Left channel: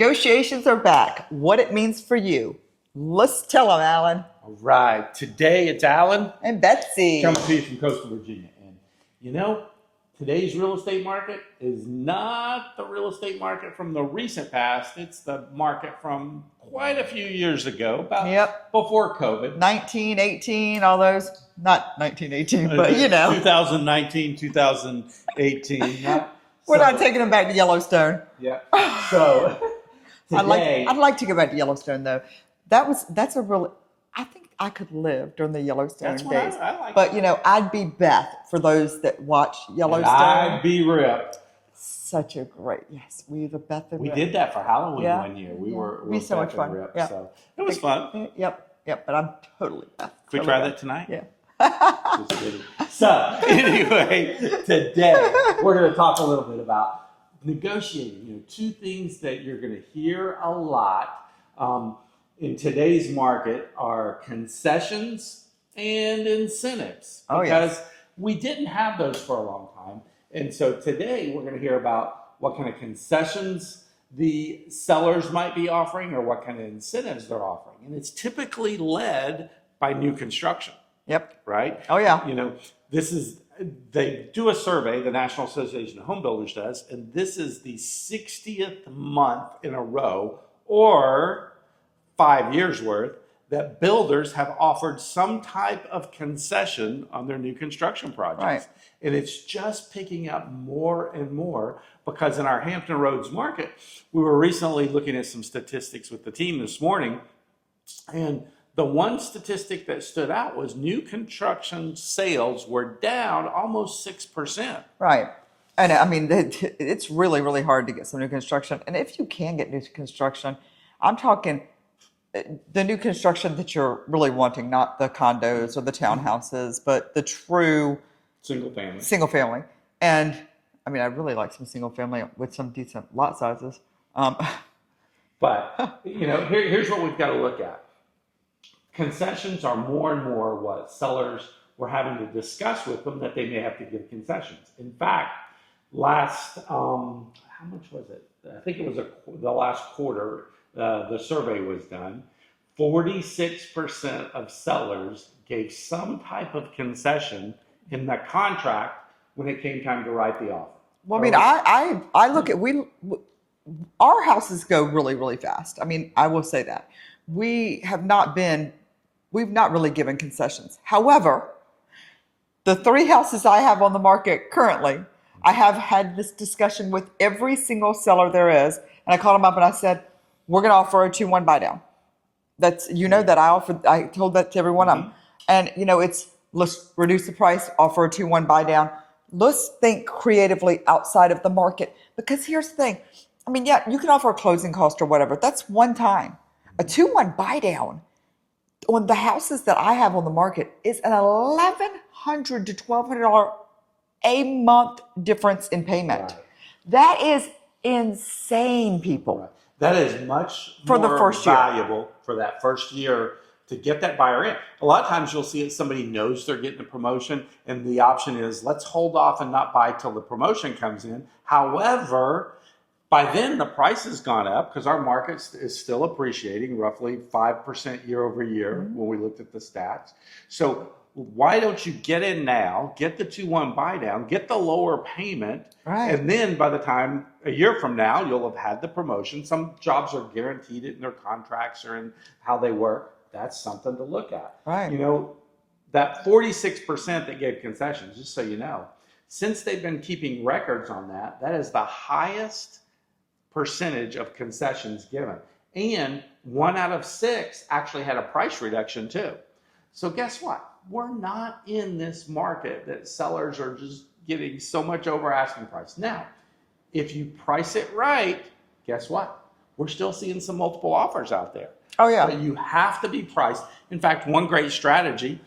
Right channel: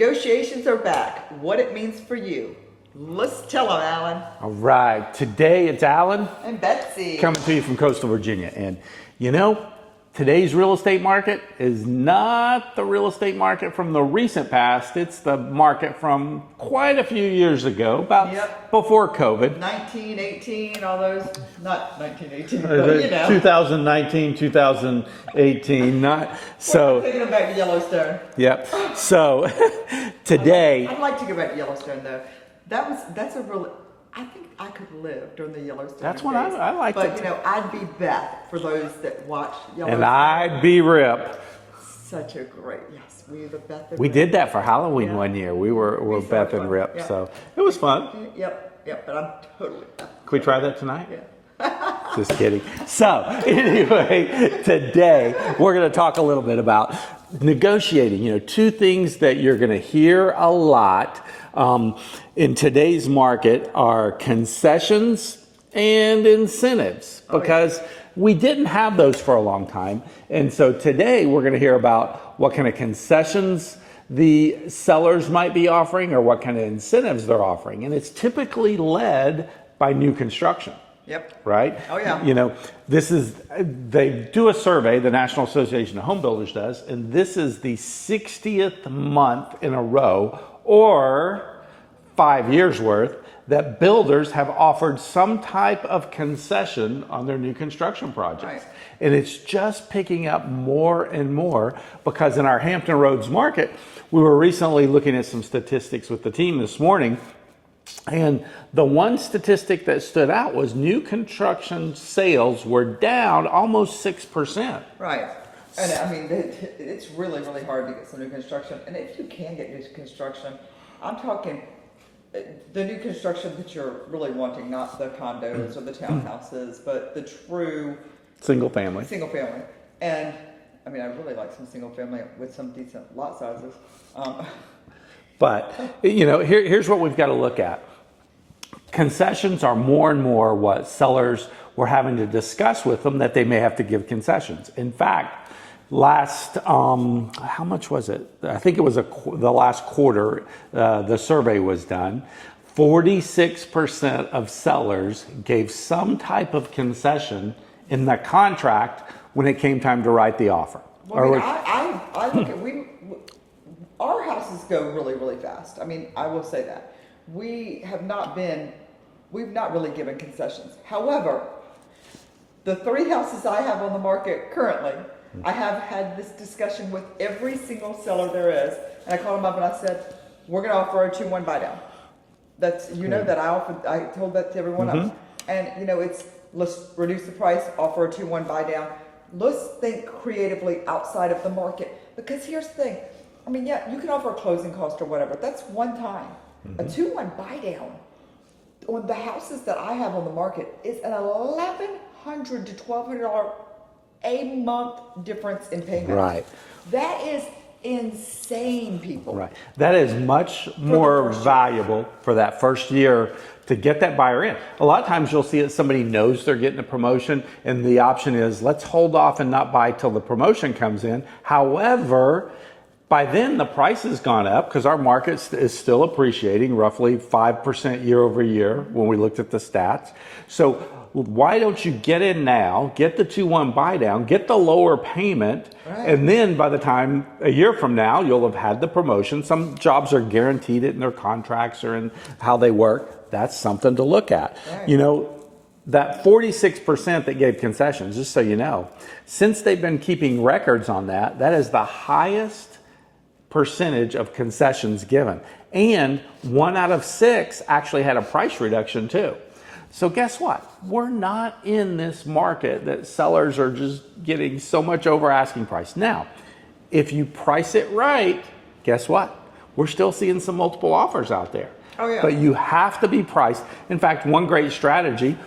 Negotiations are back. What it means for you. Let's tell them, Alan. All right. Today it's Alan. And Betsy. Coming to you from coastal Virginia. And you know, today's real estate market is not the real estate market from the recent past. It's the market from quite a few years ago, about before COVID. 1918, all those. Not 1918, but you know. 2019, 2018. We're not taking them back to Yellowstone. Yep. So today. I'd like to go back to Yellowstone, though. That's a real. I think I could live during the Yellowstone days. That's what I like. But you know, I'd be Beth for those that watch Yellowstone. And I'd be Rip. Such a great, yes. Were you the Beth and We Rip? did that for Halloween one year. We were Beth and Rip, so it was fun. Yep. But I'm totally Beth. Can we try that tonight? Yeah. Just kidding. So anyway, today we're going to talk a little bit about negotiating. You know, two things that you're going to hear a lot in today's market are concessions and incentives, because we didn't have those for a long time. And so today we're going to hear about what kind of concessions the sellers might be offering or what kind of incentives they're offering. And it's typically led by new construction. Yep. Right? Oh, yeah. You know, they do a survey, the National Association of Home Builders does, and this is the 60th month in a row, or 5 years worth, that builders have offered some type of concession on their new construction projects. Right. And it's just picking up more and more, because in our Hampton Roads market, we were recently looking at some statistics with the team this morning, and the one statistic that stood out was new construction sales were down almost 6%. Right. And I mean, it's really, really hard to get some new construction. And if you can get new construction, I'm talking the new construction that you're really wanting, not the condos or the townhouses, but the true single family. And I mean, I really like some single family with some decent lot sizes. But, you know, here's what we've got to look at. Concessions are more and more what sellers were having to discuss with them, that they may have to give concessions. In fact, last, how much was it? I think it was the last quarter, the survey was done. 46% of sellers gave some type of concession in the contract when it came time to write the offer. Well, I mean, I look at, our houses go really, really fast. I mean, I will say that. We've not really given concessions. However, the 3 houses I have on the market currently, I have had this discussion with every single seller there is. And I called them up and I said, we're going to offer a 2-1 buy down. That's, you know, that I told that to every one of them. And, you know, let's reduce the price, offer a 2-1 buy down. Let's think creatively outside of the market. Because here's the thing. I mean, yeah, you can offer a closing cost or whatever. That's one time. A 2-1 buy down on the houses that I have on the market is an $1,100 to $1,200 a month difference in payment. Right. That is insane, people. Right. That is much more valuable for that first year to get that buyer in. A lot of times you'll see that somebody knows they're getting a promotion, and the option is, let's hold off and not buy till the promotion comes in. However, by then the price has gone up, because our market is still appreciating roughly 5% year over year when we looked at the stats. So why don't you get in now, get the 2-1 buy down, get the lower payment, and then by the time a year from now, you'll have had the promotion. Some jobs are guaranteed it in their contracts or in how they work. That's something to look at. You know, that 46% that gave concessions, just so you know, since they've been keeping records on that, that is the highest percentage of concessions given. And 1 out of 6 actually had a price reduction too. So guess what? We're not in this market that sellers are just getting so much over asking price. Now, if you price it right, guess what? We're still seeing some multiple offers out there. Oh yeah. But you have to be priced. In fact, one great strategy,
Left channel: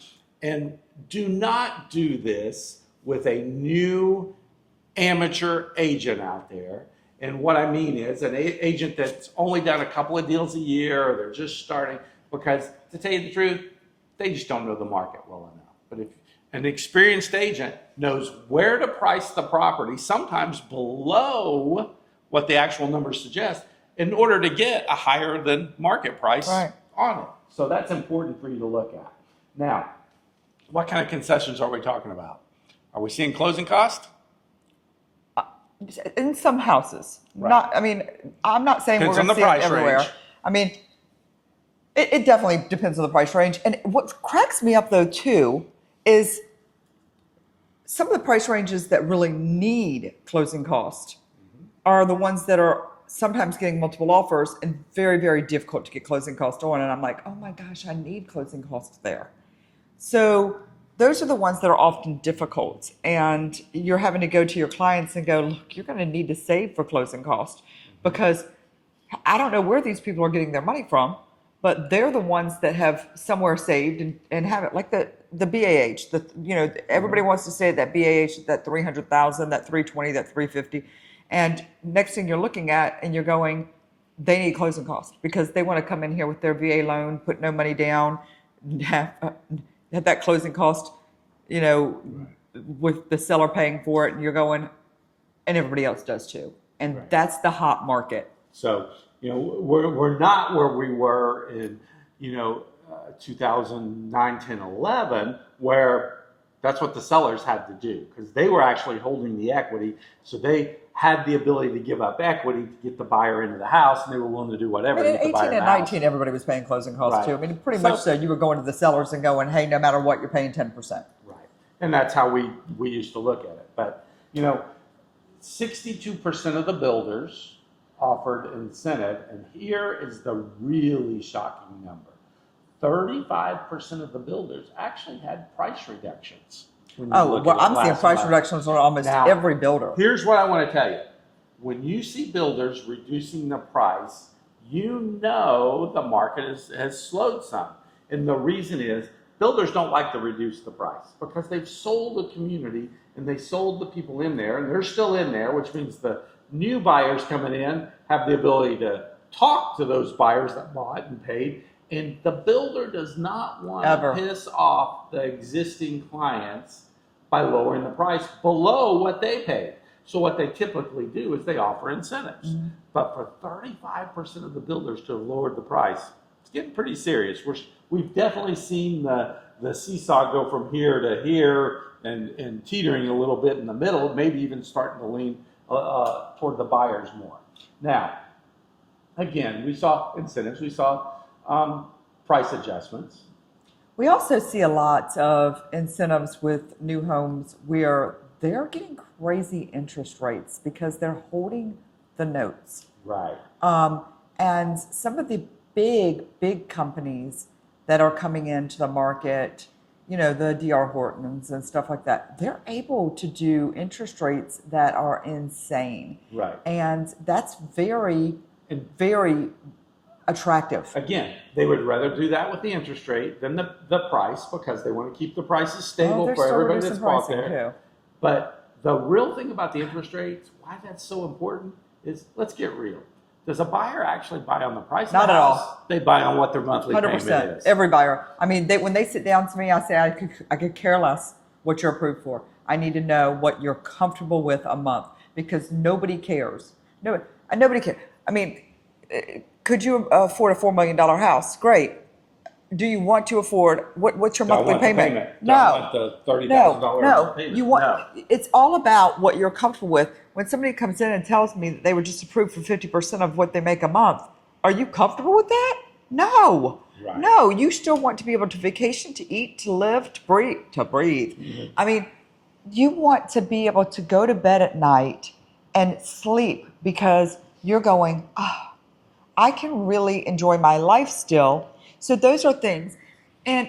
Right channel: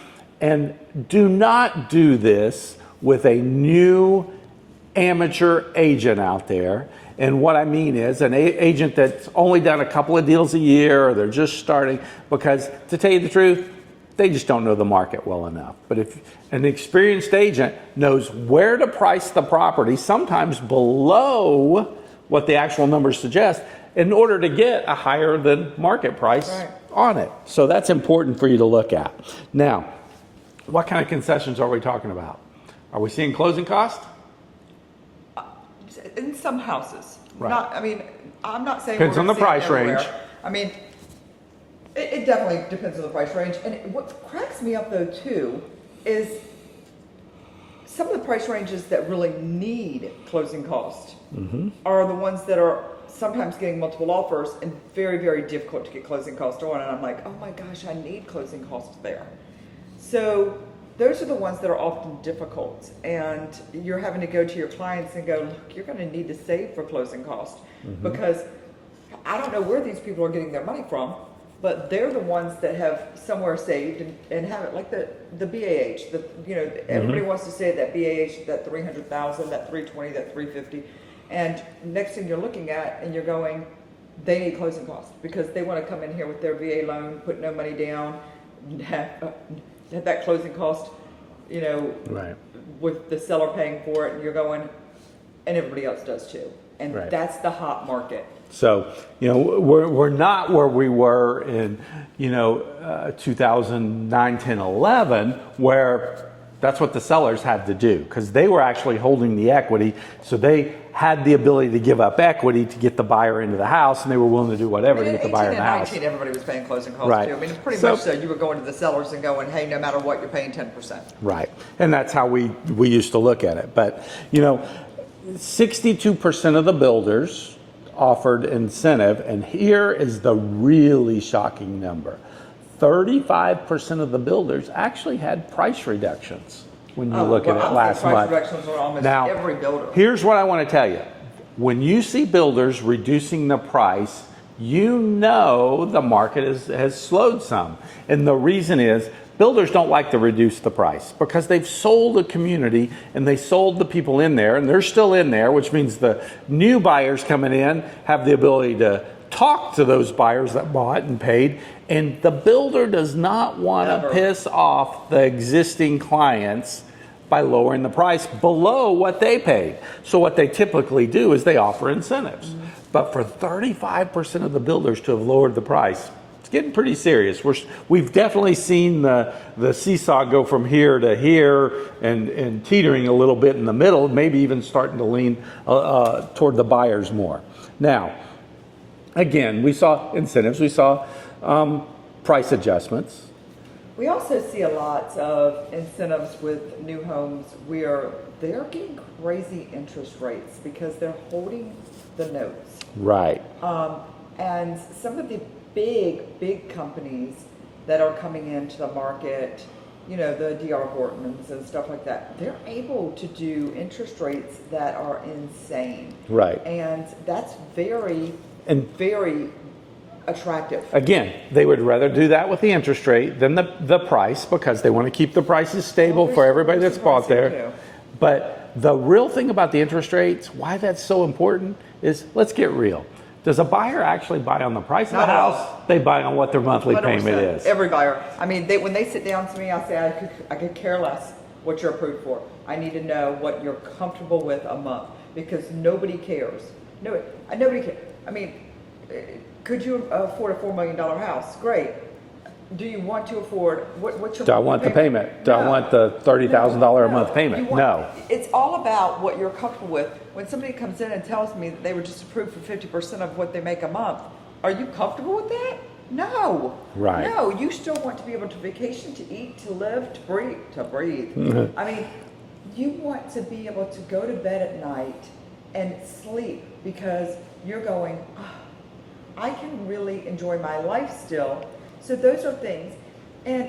and do not do this with a new amateur agent out there. And what I mean is an agent that's only done a couple of deals a year, or they're just starting, because to tell you the truth, they just don't know the market well enough. But if an experienced agent knows where to price the property, sometimes below what the actual numbers suggest, in order to get a higher than market price on it. So that's important for you to look at. Now, what kind of concessions are we talking about? Are we seeing closing cost? In some houses. Right. I'm not saying Depends we're on going the to see it price everywhere. range. I mean, it definitely depends on the price range. And what cracks me up though too is some of the price ranges that really need closing cost are the ones that are sometimes getting multiple offers and very, very difficult to get closing cost on. And I'm like, oh my gosh, I need closing costs there. So those are the ones that are often difficult, and you're having to go to your clients and go, look, you're going to need to save for closing cost because I don't know where these people are getting their money from, but they're the ones that have somewhere saved and have it, like the BAH. Everybody wants to say that BAH, that 300,000, that 320, that 350, and next thing you're looking at and you're going, they need closing costs because they want to come in here with their VA loan, put no money down, have that closing cost, with the seller paying for it, and you're going, and everybody else does too. And that's the hot market. So, we're not where we were in, 2009, 10, 11, where that's what the sellers had to do because they were actually holding the equity. So they had the ability to give up equity to get the buyer into the house, and they were willing to do whatever to get the buyer in the house. 18 and 19, everybody was paying closing costs too. I mean, it's pretty much so you were going to the sellers and going, hey, no matter what, you're paying 10%. Right. And that's how we used to look at it. But, 62% of the builders offered incentive, and here is the really shocking number. 35% of the builders actually had price reductions when you look at it last month. I'm seeing price reductions on almost every builder. Here's what I want to tell you. When you see builders reducing the price, the market has slowed some. And the reason is builders don't like to reduce the price because they've sold the community and they sold the people in there, and they're still in there, which means the new buyers coming in have the ability to talk to those buyers that bought and paid. And the builder does not want to piss off the existing clients by lowering the price below what they paid. So what they typically do is they offer incentives. But for 35% of the builders to have lowered the price, it's getting pretty serious. We've definitely seen the seesaw go from here to here and teetering a little bit in the middle, maybe even starting to lean toward the buyers more. Now, again, we saw incentives, we saw price adjustments. We also see a lot of incentives with new homes where they're getting crazy interest rates because they're holding the notes. Right. And some of the big companies that are coming into the market, the D.R. Hortons and stuff like that, they're able to do interest rates that are insane. Right. And that's very attractive. Again, they would rather do that with the interest rate than the price because they want to keep the prices stable for everybody that's bought there. Too. But the real thing about the interest rates, why that's so important is, let's get real. Does a buyer actually buy on the price of the house? They buy on what their monthly payment is. Every buyer. I mean, when they sit down to me, I say, I could care less what you're approved for. I need to know what you're comfortable with a month because nobody cares. Nobody cares. I mean, could you afford a $4 million house? Great. Do you want to afford, what's your monthly payment? Don't want the $30,000 a month payment. It's all about what you're comfortable with. When somebody comes in and tells me that they were just approved for 50% of what they make a month, are you comfortable with that? No. Right. No, you still want to be able to vacation, to eat, to live, to breathe. Mm-hmm. I mean, you want to be able to go to bed at night and sleep because you're going, I can really enjoy my life still. So those are things. And,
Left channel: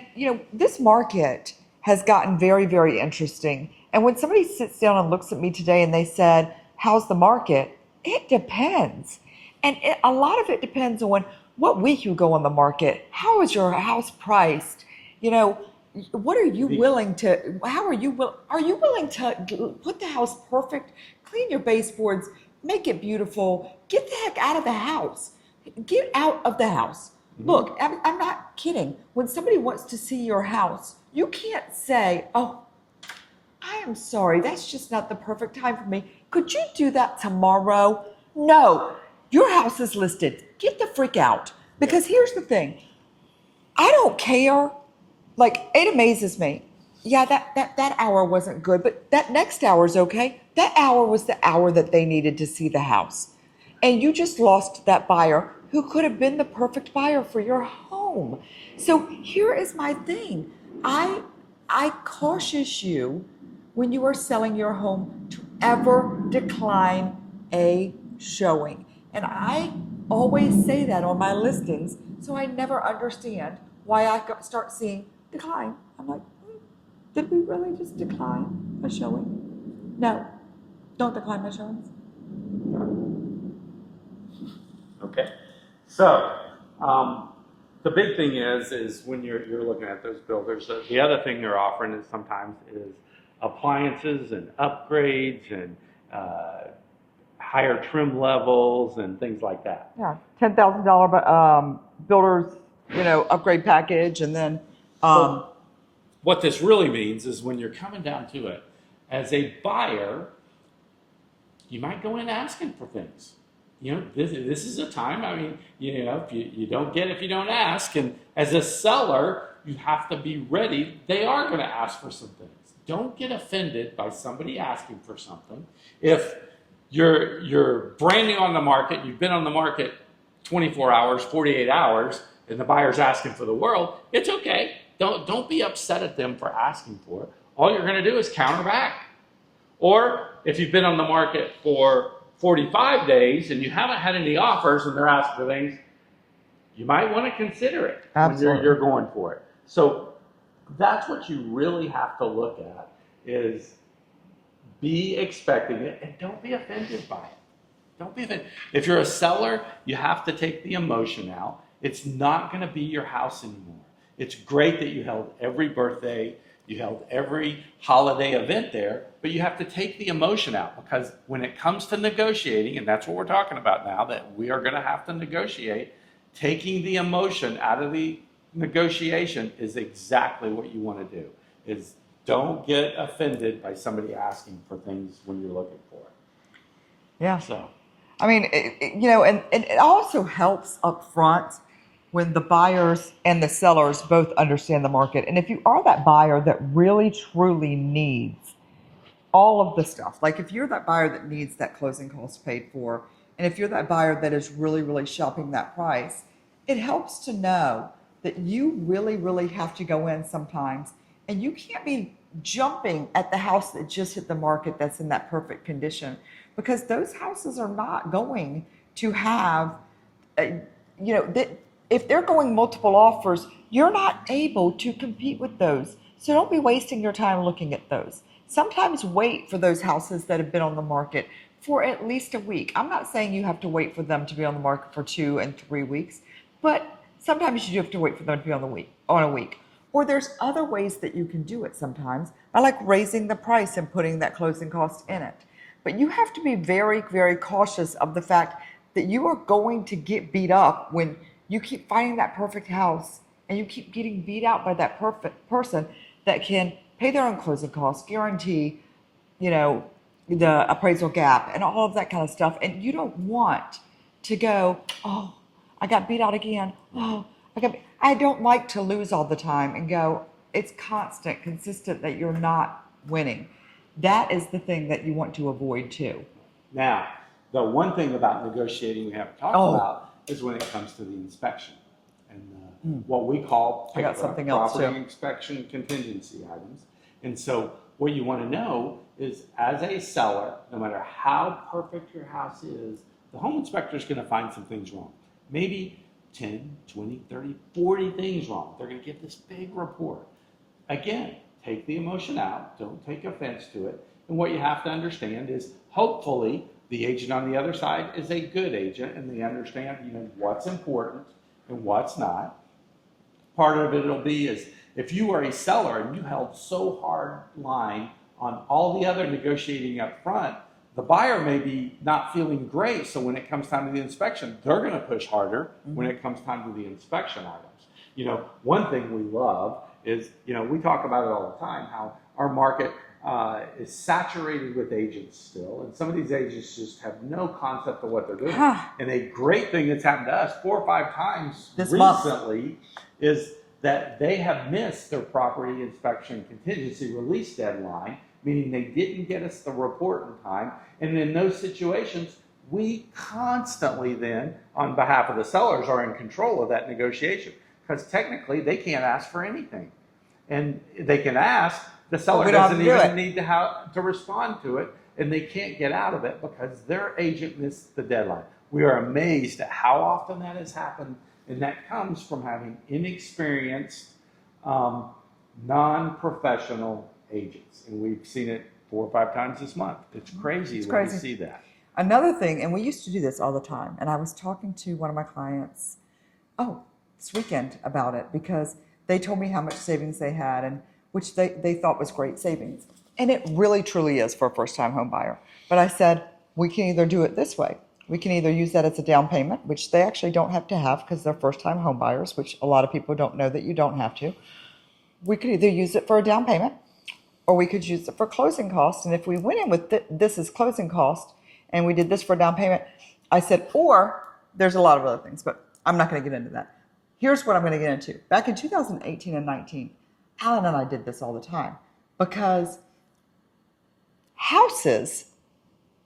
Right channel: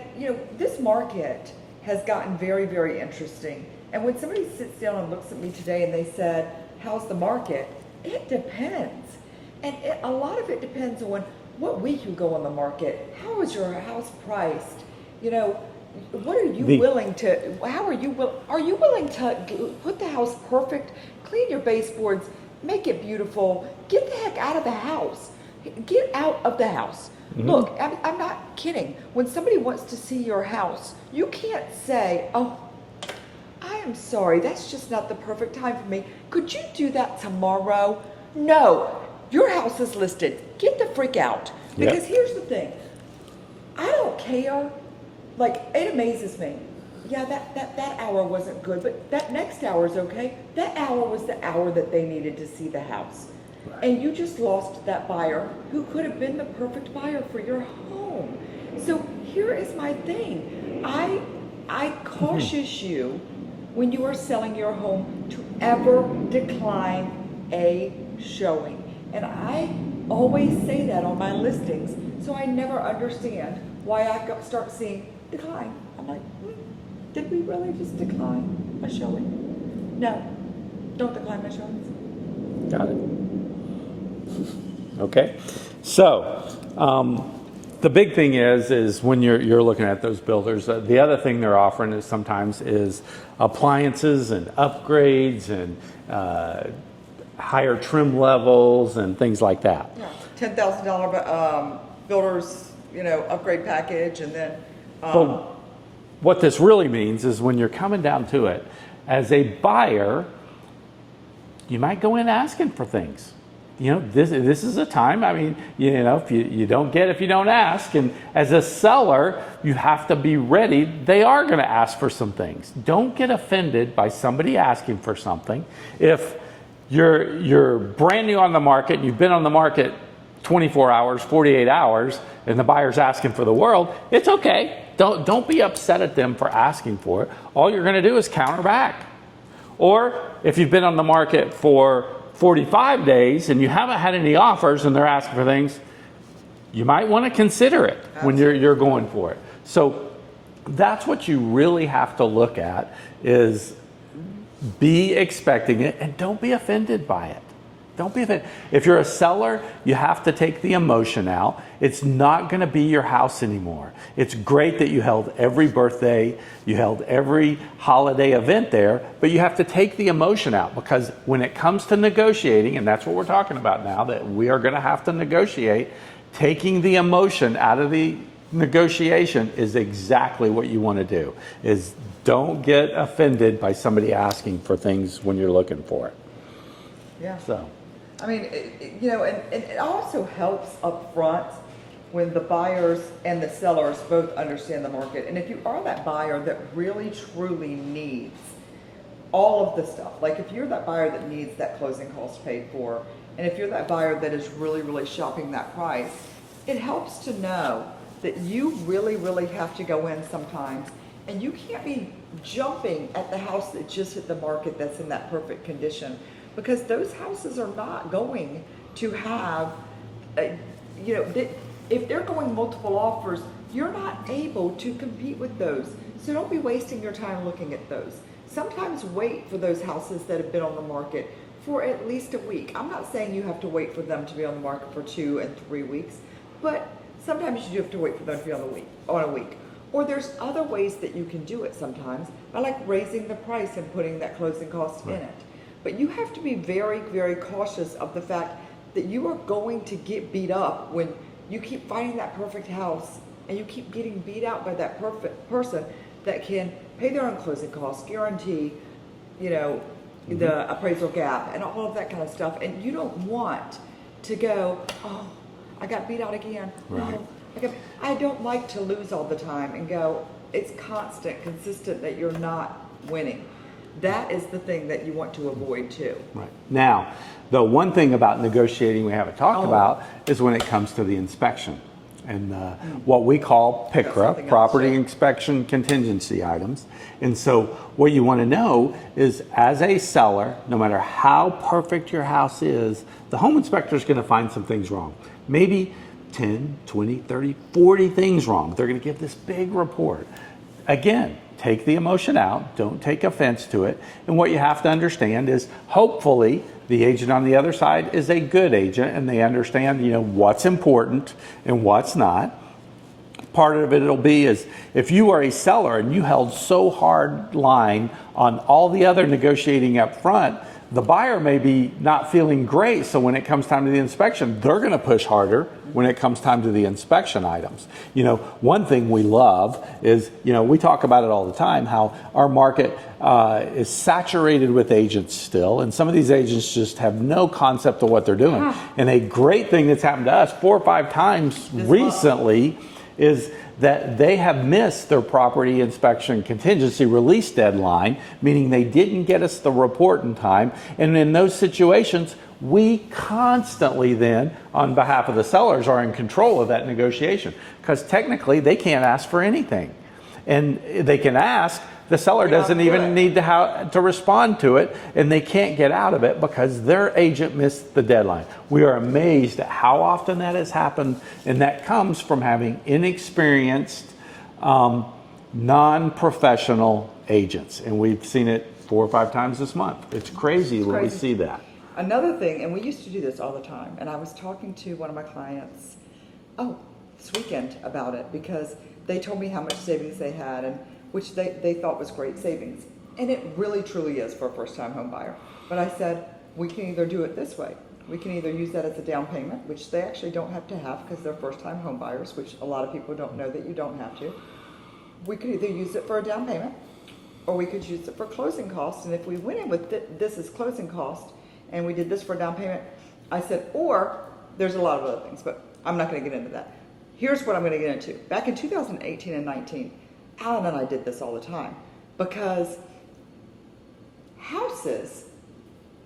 this market has gotten very, very interesting. And when somebody sits down and looks at me today and they said, how's the market? It depends. And a lot of it depends on what week you go on the market. How is your house priced? What are you willing to, are you willing to put the house perfect, clean your baseboards, make it beautiful, get the heck out of the house. Get out of the house. Mm-hmm. Look, I'm not kidding. When somebody wants to see your house, you can't say, oh, I am sorry, that's just not the perfect time for me. Could you do that tomorrow? No. your house is listed. Get the freak out. Because here's the thing. I don't care. Like, it amazes me. Yeah, that hour wasn't good, but that next hour is okay. That hour was the hour that they needed to see the house. Right. And you just lost that buyer who could have been the perfect buyer for your home. So here is my thing. I cautious you when you are selling your home to ever decline a showing. And I always say that on my listings, so I never understand why I start seeing decline. I'm like, did we really just decline a showing? No, don't decline my showings. Got it. Okay. So, the big thing is when you're looking at those builders, the other thing they're offering is sometimes is appliances and upgrades and higher trim levels and things like that. Yeah, $10,000 builders, upgrade package, and then. What this really means is when you're coming down to it, as a buyer, you might go in asking for things. This is a time, if you don't get if you don't ask. And as a seller, you have to be ready. They are going to ask for some things. Don't get offended by somebody asking for something. If you're brand new on the market, and you've been on the market 24 hours, 48 hours, and the buyer's asking for the world, it's okay. Don't be upset at them for asking for it. All you're going to do is counter back. Or if you've been on the market for 45 days and you haven't had any offers and they're asking for things, you might want to consider it. Absolutely. When you're going for it. So that's what you really have to look at, is be expecting it and don't be offended by it. Don't be offended. If you're a seller, you have to take the emotion out. It's not going to be your house anymore. It's great that you held every birthday, you held every holiday event there, but you have to take the emotion out, because when it comes to negotiating, and that's what we're talking about now, that we are going to have to negotiate, taking the emotion out of the negotiation is exactly what you want to do. Is don't get offended by somebody asking for things when you're looking for it. Yeah. So, and it also helps up front when the buyers and the sellers both understand the market. And if you are that buyer that really truly needs all of the stuff, like if you're that buyer that needs that closing cost paid for, and if you're that buyer that is really, really shopping that price, it helps to know that you really, really have to go in sometimes, and you can't be jumping at the house that just hit the market that's in that perfect condition, because those houses are not going to have, if they're going multiple offers, you're not able to compete with those. So don't be wasting your time looking at those. Sometimes wait for those houses that have been on the market for at least a week. I'm not saying you have to wait for them to be on the market for 2 and 3 weeks, but sometimes you do have to wait for them to be on a week. Or there's other ways that you can do it sometimes. I like raising the price and putting that closing cost in it. But you have to be very, very cautious of the fact that you are going to get beat up when you keep finding that perfect house and you keep getting beat out by that perfect person that can pay their own closing costs, guarantee, the appraisal gap and all of that kind of stuff. And you don't want to go, oh, I got beat out again. Right. Oh, I don't like to lose all the time and go, it's constant, consistent that you're not winning. That is the thing that you want to avoid too. Right. Now, the one thing about negotiating we haven't talked about is when it comes to the inspection and what we call PICRA, property inspection contingency items. And so what you want to know is, as a seller, no matter how perfect your house is, the home inspector is going to find some things wrong. Maybe 10, 20, 30, 40 things wrong. They're going to give this big report. Again, take the emotion out. Don't take offense to it. And what you have to understand is, hopefully, the agent on the other side is a good agent and they understand, what's important and what's not. Part of it'll be is, if you are a seller and you held so hard line on all the other negotiating up front, the buyer may be not feeling great, so when it comes time to the inspection, they're going to push harder when it comes time to the inspection items. You know, one thing we love is, you know, we talk about it all the time, how our market is saturated with agents still, and some of these agents just have no concept of what they're doing. And a great thing that's happened to us 4 or 5 times recently is that they have missed their property inspection contingency release deadline, meaning they didn't get us the report in time. And in those situations, we constantly then, on behalf of the sellers, are in control of that negotiation, because technically they can't ask for anything. And they can ask, the seller doesn't even need to respond to it, and they can't get out of it because their agent missed the deadline. We are amazed at how often that has happened, and that comes from having inexperienced, non-professional agents. And we've seen it 4 or 5 times this month. It's crazy when we see that. Another thing, and we used to do this all the time, and I was talking to one of my clients, this weekend about it, because they told me how much savings they had, and which they thought was great savings. And it really truly is for a first-time home buyer. But I said, we can either do it this way. We can either use that as a down payment, which they actually don't have to have because they're first-time home buyers, which a lot of people don't know that you don't have to. We could either use it for a down payment, or we could use it for closing costs. And if we went in with this as closing cost, and we did this for a down payment, I said, or there's a lot of other things, but I'm not gonna get into that. Here's what I'm gonna get into. Back in 2018 and 19, Alan and I did this all the time, because houses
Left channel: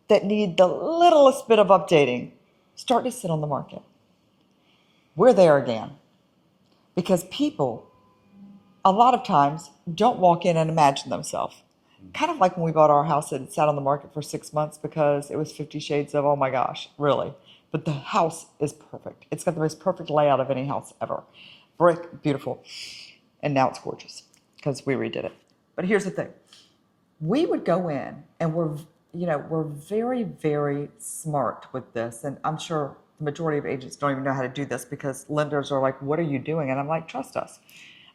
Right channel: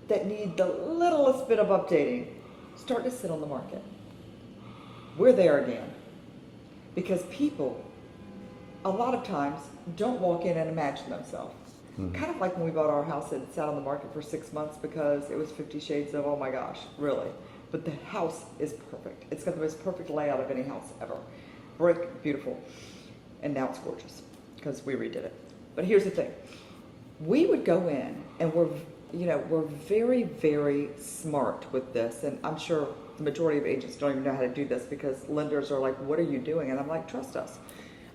that need the littlest bit of updating start to sit on the market. We're there again, because people a lot of times don't walk in and imagine themselves. Kind of like when we bought our house and it sat on the market for 6 months because it was 50 shades of, oh my gosh, really. But the house is perfect. It's got the most perfect layout of any house ever. Brick, beautiful. And now it's gorgeous because we redid it. But here's the thing. We would go in, and we're very, very smart with this. And I'm sure the majority of agents don't even know how to do this, because lenders are like, what are you doing? And I'm like, trust us.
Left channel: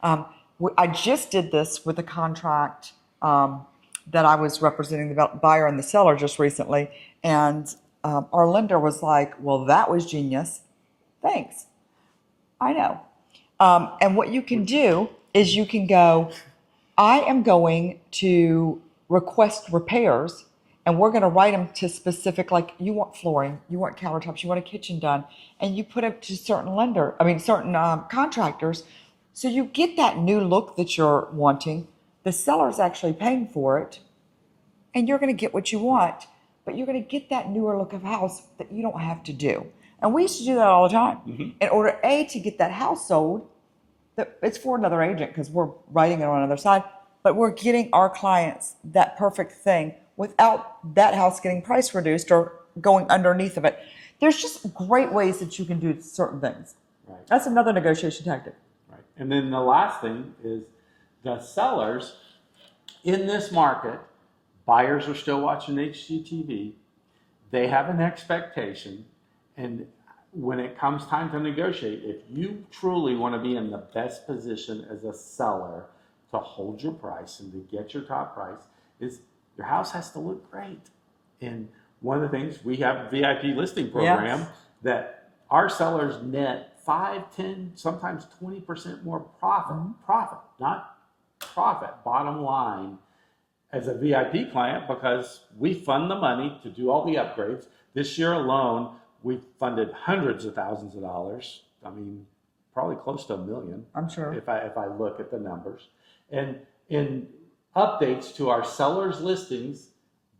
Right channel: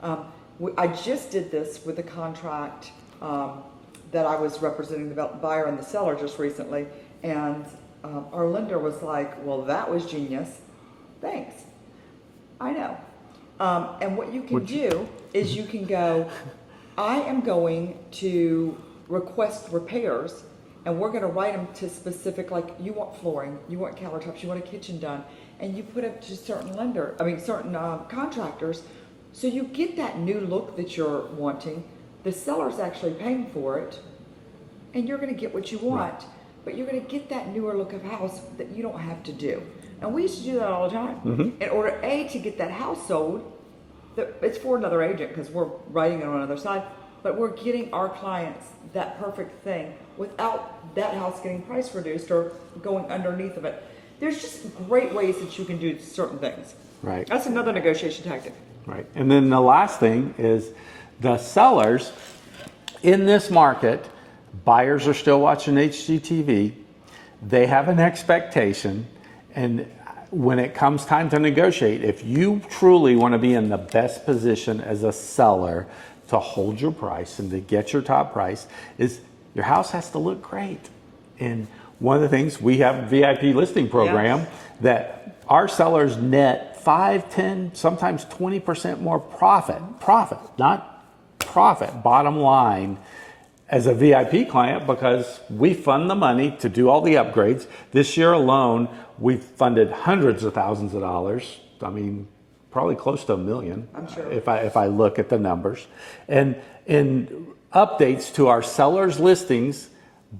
I just did this with a contract that I was representing the buyer and the seller just recently. And our lender was like, well, that was genius. Thanks. I know. And what you can do is you can go, I am going to request repairs, and we're going to write them to specific, like you want flooring, you want countertops, you want a kitchen done, and you put it to certain contractors. So you get that new look that you're wanting. The seller's actually paying for it, and you're going to get what you want, but you're going to get that newer look of house that you don't have to do. And we used to do that all the time. In order, to get that house sold, it's for another agent because we're writing it on another side, but we're getting our clients that perfect thing without that house getting price reduced or going underneath of it. There's just great ways that you can do certain things. Right. That's another negotiation tactic. Right. And then the last thing is the sellers in this market, buyers are still watching HGTV. They have an expectation, and when it comes time to negotiate, if you truly want to be in the best position as a seller to hold your price and to get your top price, is your house has to look great. And one of the things, we have a VIP listing program that our sellers net 5, 10, sometimes 20% more profit, not profit, bottom line, as a VIP client, because we fund the money to do all the upgrades. This year alone, we've funded hundreds of thousands of dollars. I mean, probably close to $1 million. I'm sure. If I look at the numbers. And in updates to our sellers' listings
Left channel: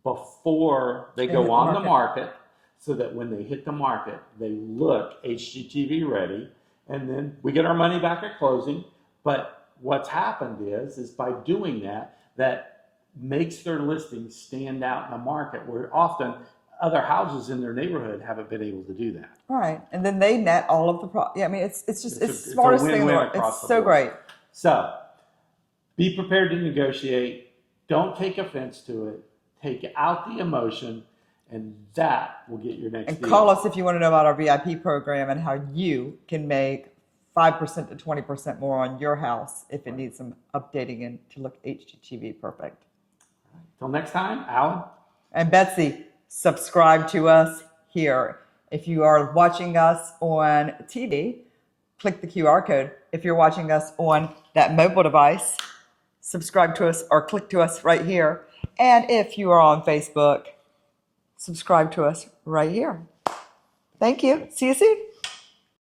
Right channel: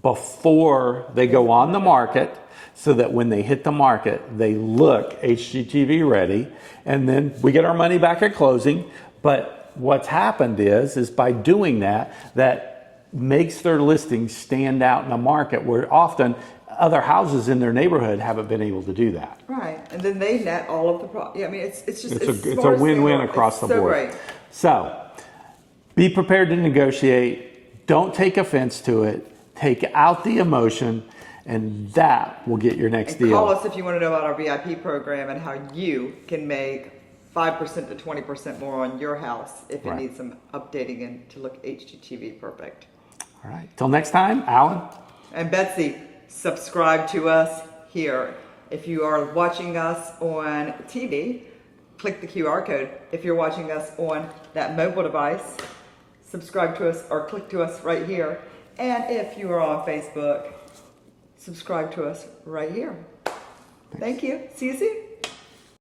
before they go on the market, so that when they hit the market, they look HGTV ready, and then we get our money back at closing. But what's happened is by doing that, that makes their listings stand out in the market, where often other houses in their neighborhood haven't been able to do that. Right, and then they net all of the I mean, it's a win-win across the board. So great. So, be prepared to negotiate. Don't take offense to it. Take out the emotion, and that will get your next deal. Call us if you want to know about our VIP program and how you can make 5% to 20% more on your house if it needs some updating and to look HGTV perfect. All right. Till next time, Al. And Betsy, subscribe to us here. If you are watching us on TV, click the QR code. If you're watching us on that mobile device, subscribe to us or click to us right here. And if you are on Facebook, subscribe to us right here. Thank you. See you soon.